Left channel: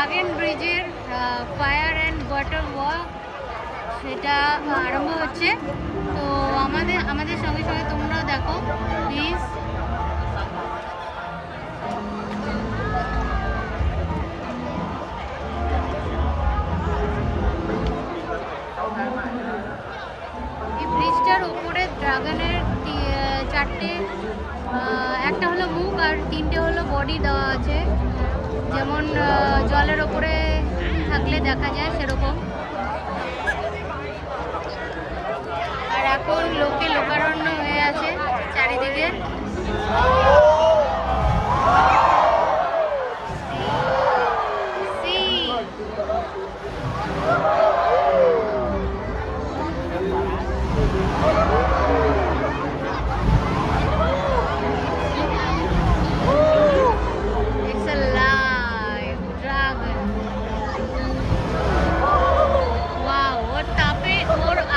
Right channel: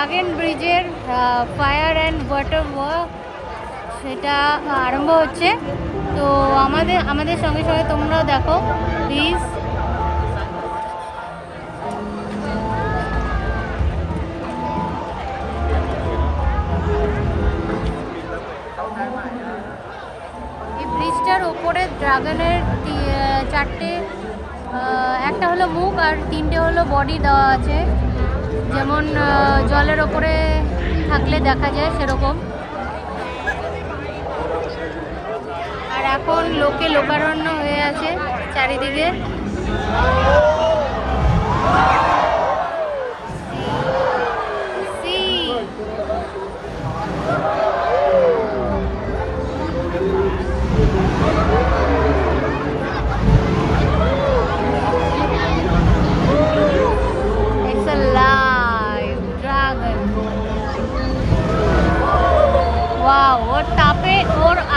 Dragon ব্রিজের fire and water work সেটা আরম্ভ হচ্ছে। তো আমাদের সঙ্গে সঙ্গে তোমরাও দেখো প্লিজ। ব্রিজটার ওপরে ড্রাগনের চারটে, একটা হলো মুখ আর তিনটে হলো বডি দেওয়া আছে, যেমন জলের ওপরে থাকলে দেখা যায় সেরকম। আর এখন লোকে লোকারণ্য হয়ে আছে চারিদিকে।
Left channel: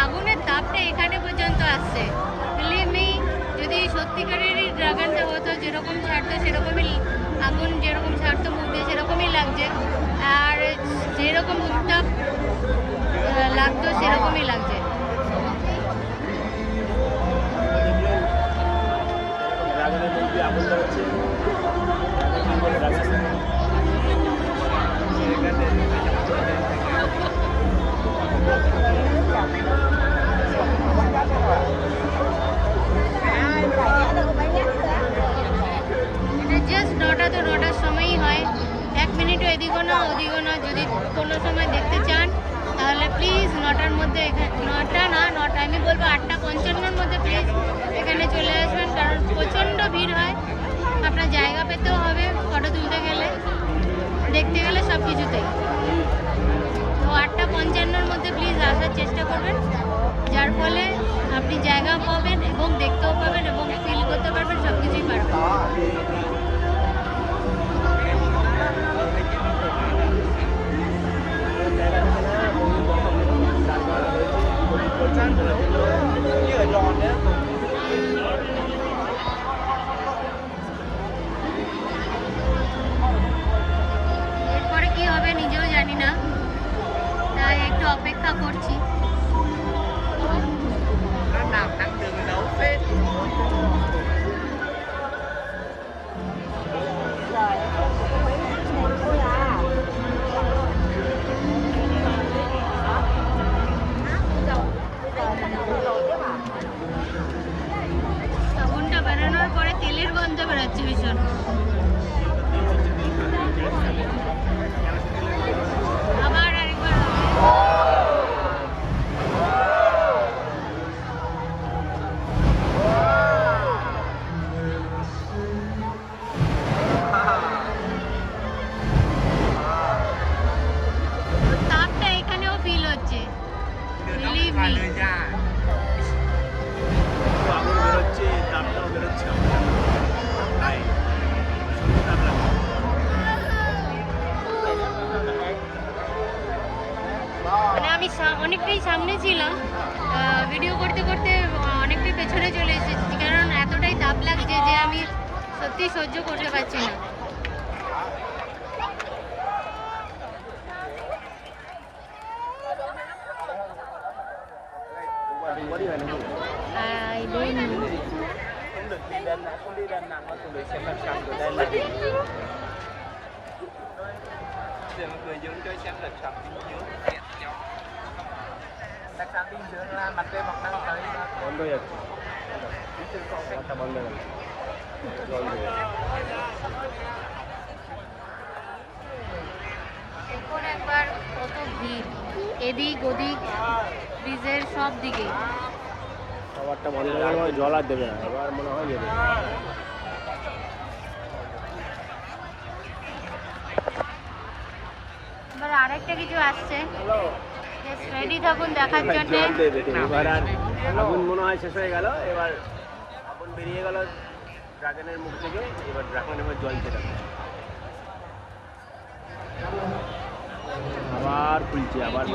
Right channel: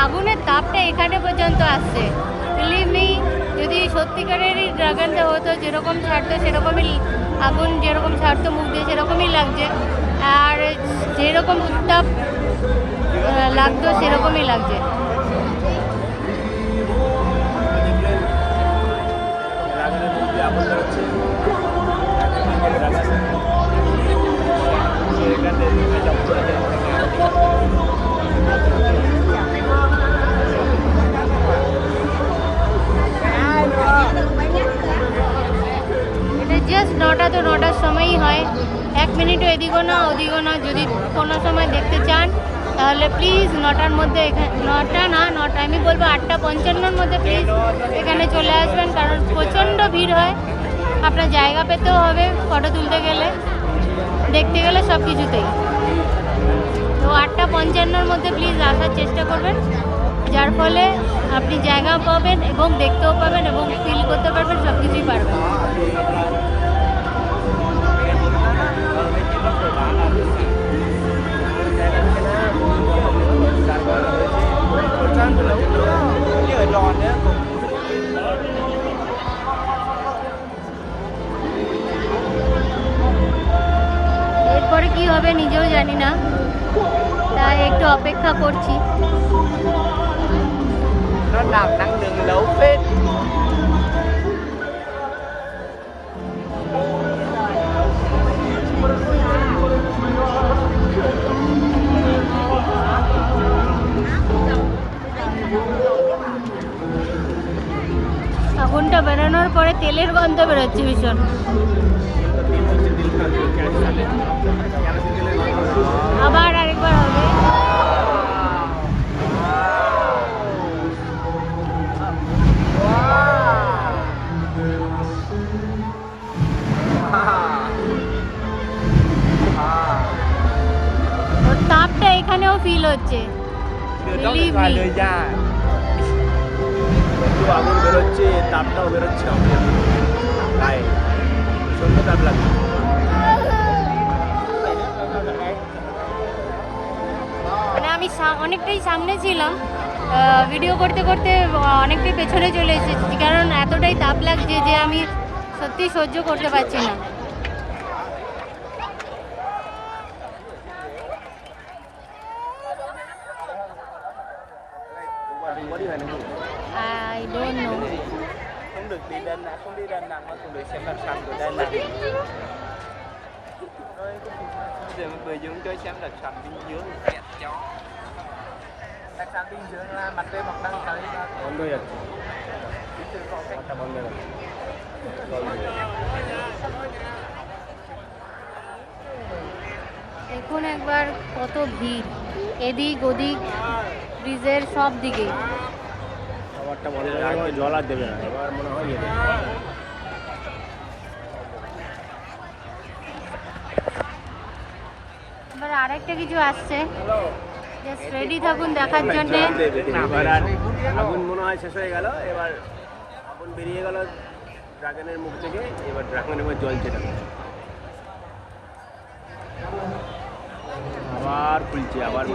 আগুনের তাপটা এখানে পর্যন্ত আসছে। বিলিভ মি, যদি সত্যিকারেরই ড্রাগনটা হতো, যেরকম ছাড়তো সেরকমই আগুন, যেরকম ছাড়তো মুখ দিয়ে সেরকমই লাগছে, আর যেরকম উত্তাপ লাগতো সেরকমই লাগছে। জাস্ট 9টা, তো 9টার সময়ই হয়, 1 মিনিটও এদিকও না ওদিকও না। যদি কোনো সময় দেখতে চান তাহলে প্লিজ 9টার মধ্যে, 9টা না 9টা, আমি বলবো 8:55-র মধ্যে প্লিজ এখানে চলে আসবেন, কারণ প্রচণ্ড ভিড় হয়। আপনার জায়গা পেতেও হবে ফটো তুলতে গেলে, দেখতে গেলে সব কিছুতেই। তো 8:55-র মধ্যে প্লিজ আসার চেষ্টা করবেন, যার ফলে আপনি জায়গাও পাবেন এবং দেখতেও পাবেন এবং ফিল করতে পারবেন, সব কিছুই পারবেন। এরপরে কি হবে নিজেও জানি না, তাই একটু অপেক্ষা করছি। আগুনটা বেরোনোর পরে তেলের গন্ধ বেরোচ্ছে ভীষণ। আবার আরেকবার হবে। তাপটা এখানেও ফিল হচ্ছে। মানে আমি অনেকটাই সামনে ছিলাম, ভিডিও করতে করতে অনেকটাই পেছনে চলে এসেছি, কারণ এতটাই তাপ লাগছে যে আমি সত্যি সহ্য করতে পারছি না। I don't know. Không được đi lên, không đi lên nào mà tụi mình sẽ làm sầm của đây là. Giờ mọi người dùng chơi xem là sầm bên dưới kẹt chó. Đặt sầm bên dưới là mặt đây bọc đăng tới là còn đây. দেখুন একবার কত ভিড়, এদিক ওদিক ব্রিজের সব দিকে। এবার আরেকটা কিছু আসছে, জাস্ট রেডি থাকুন দেখার জন্যে। আবার খুলছে, আবার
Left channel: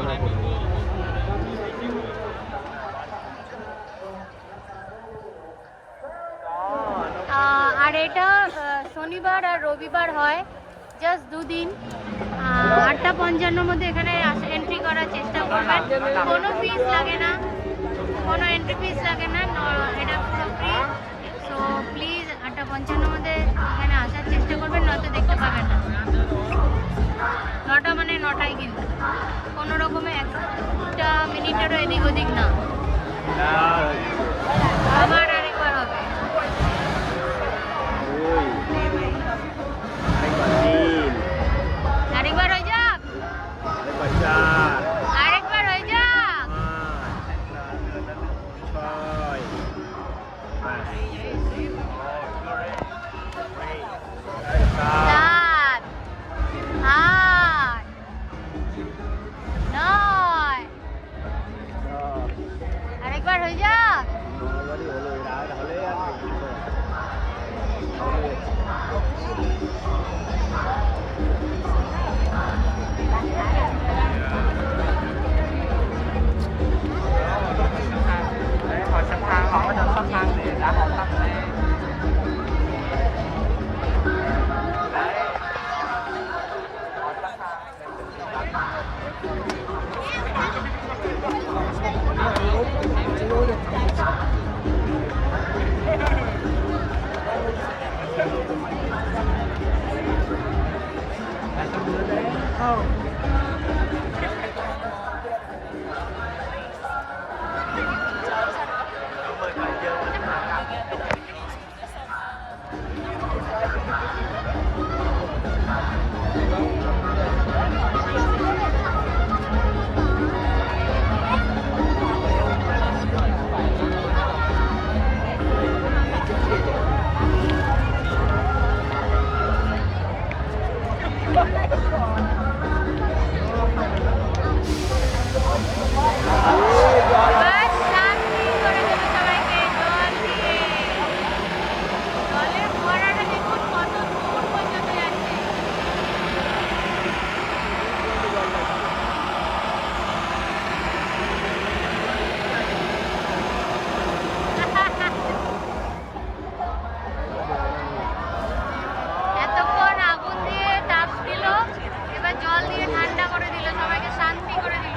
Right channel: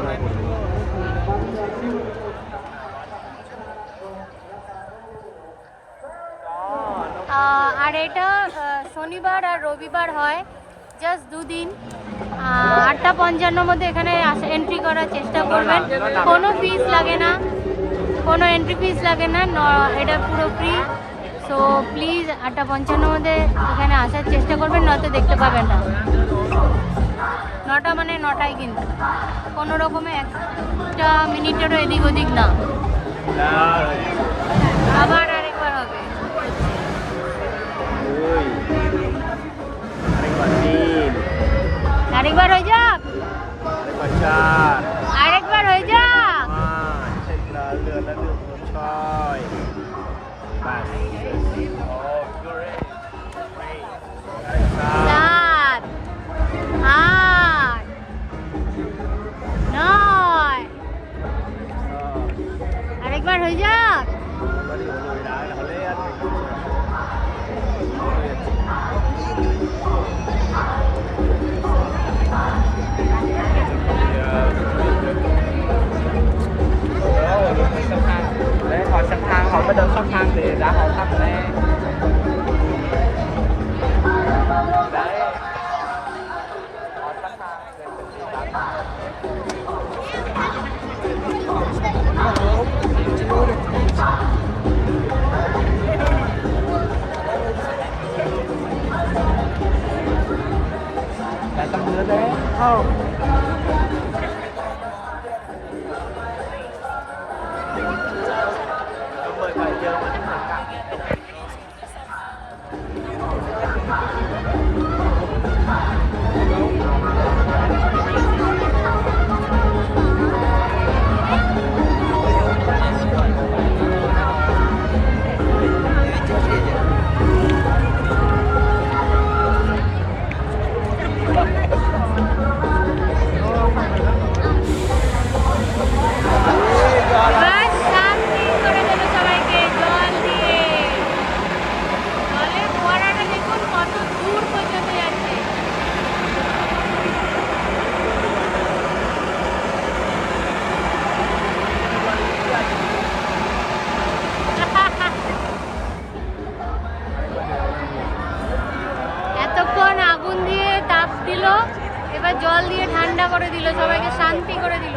আর এটা শনিবার আর রবিবার হয়, জাস্ট 2 দিন। 8:55 মধ্যে এখানে এন্ট্রি করার চেষ্টা করবেন। কোনো ফিস লাগে না, কোনো এন্ট্রি ফিস লাগে না, এটা পুরো ফ্রি। সো প্লিজ 8:55 মধ্যে এখানে আসার চেষ্টা করবেন, নয়তো দেখতে পাবেন না। 9টা মানে 9টাই, কিন্তু কোনো রকমে একটা মিনিটেরও এদিক ওদিক না। আবার আরেকবার হবে। আরেকবার হয়ে যাক, আরেকবার হয়ে যাক। 7, 8, 9, আরেকবার হয়ে যাক। Để họ sắp thang, họ mới đơn sắp thang thì đã họ sắp rồi đấy. Đấy. Họ sắp thang để tâm đưa đấy. বাস শান্তি করে দেবে সবাইকে জল দিয়ে। জলের ফোয়ারাটা দেখুন কত দূর পর্যন্ত যাচ্ছে। এতক্ষণ আগুন দিয়ে তাপ দিল, এবার জল দিয়ে ঠান্ডা করে দিল, সবাইকে শান্তি করে দিল।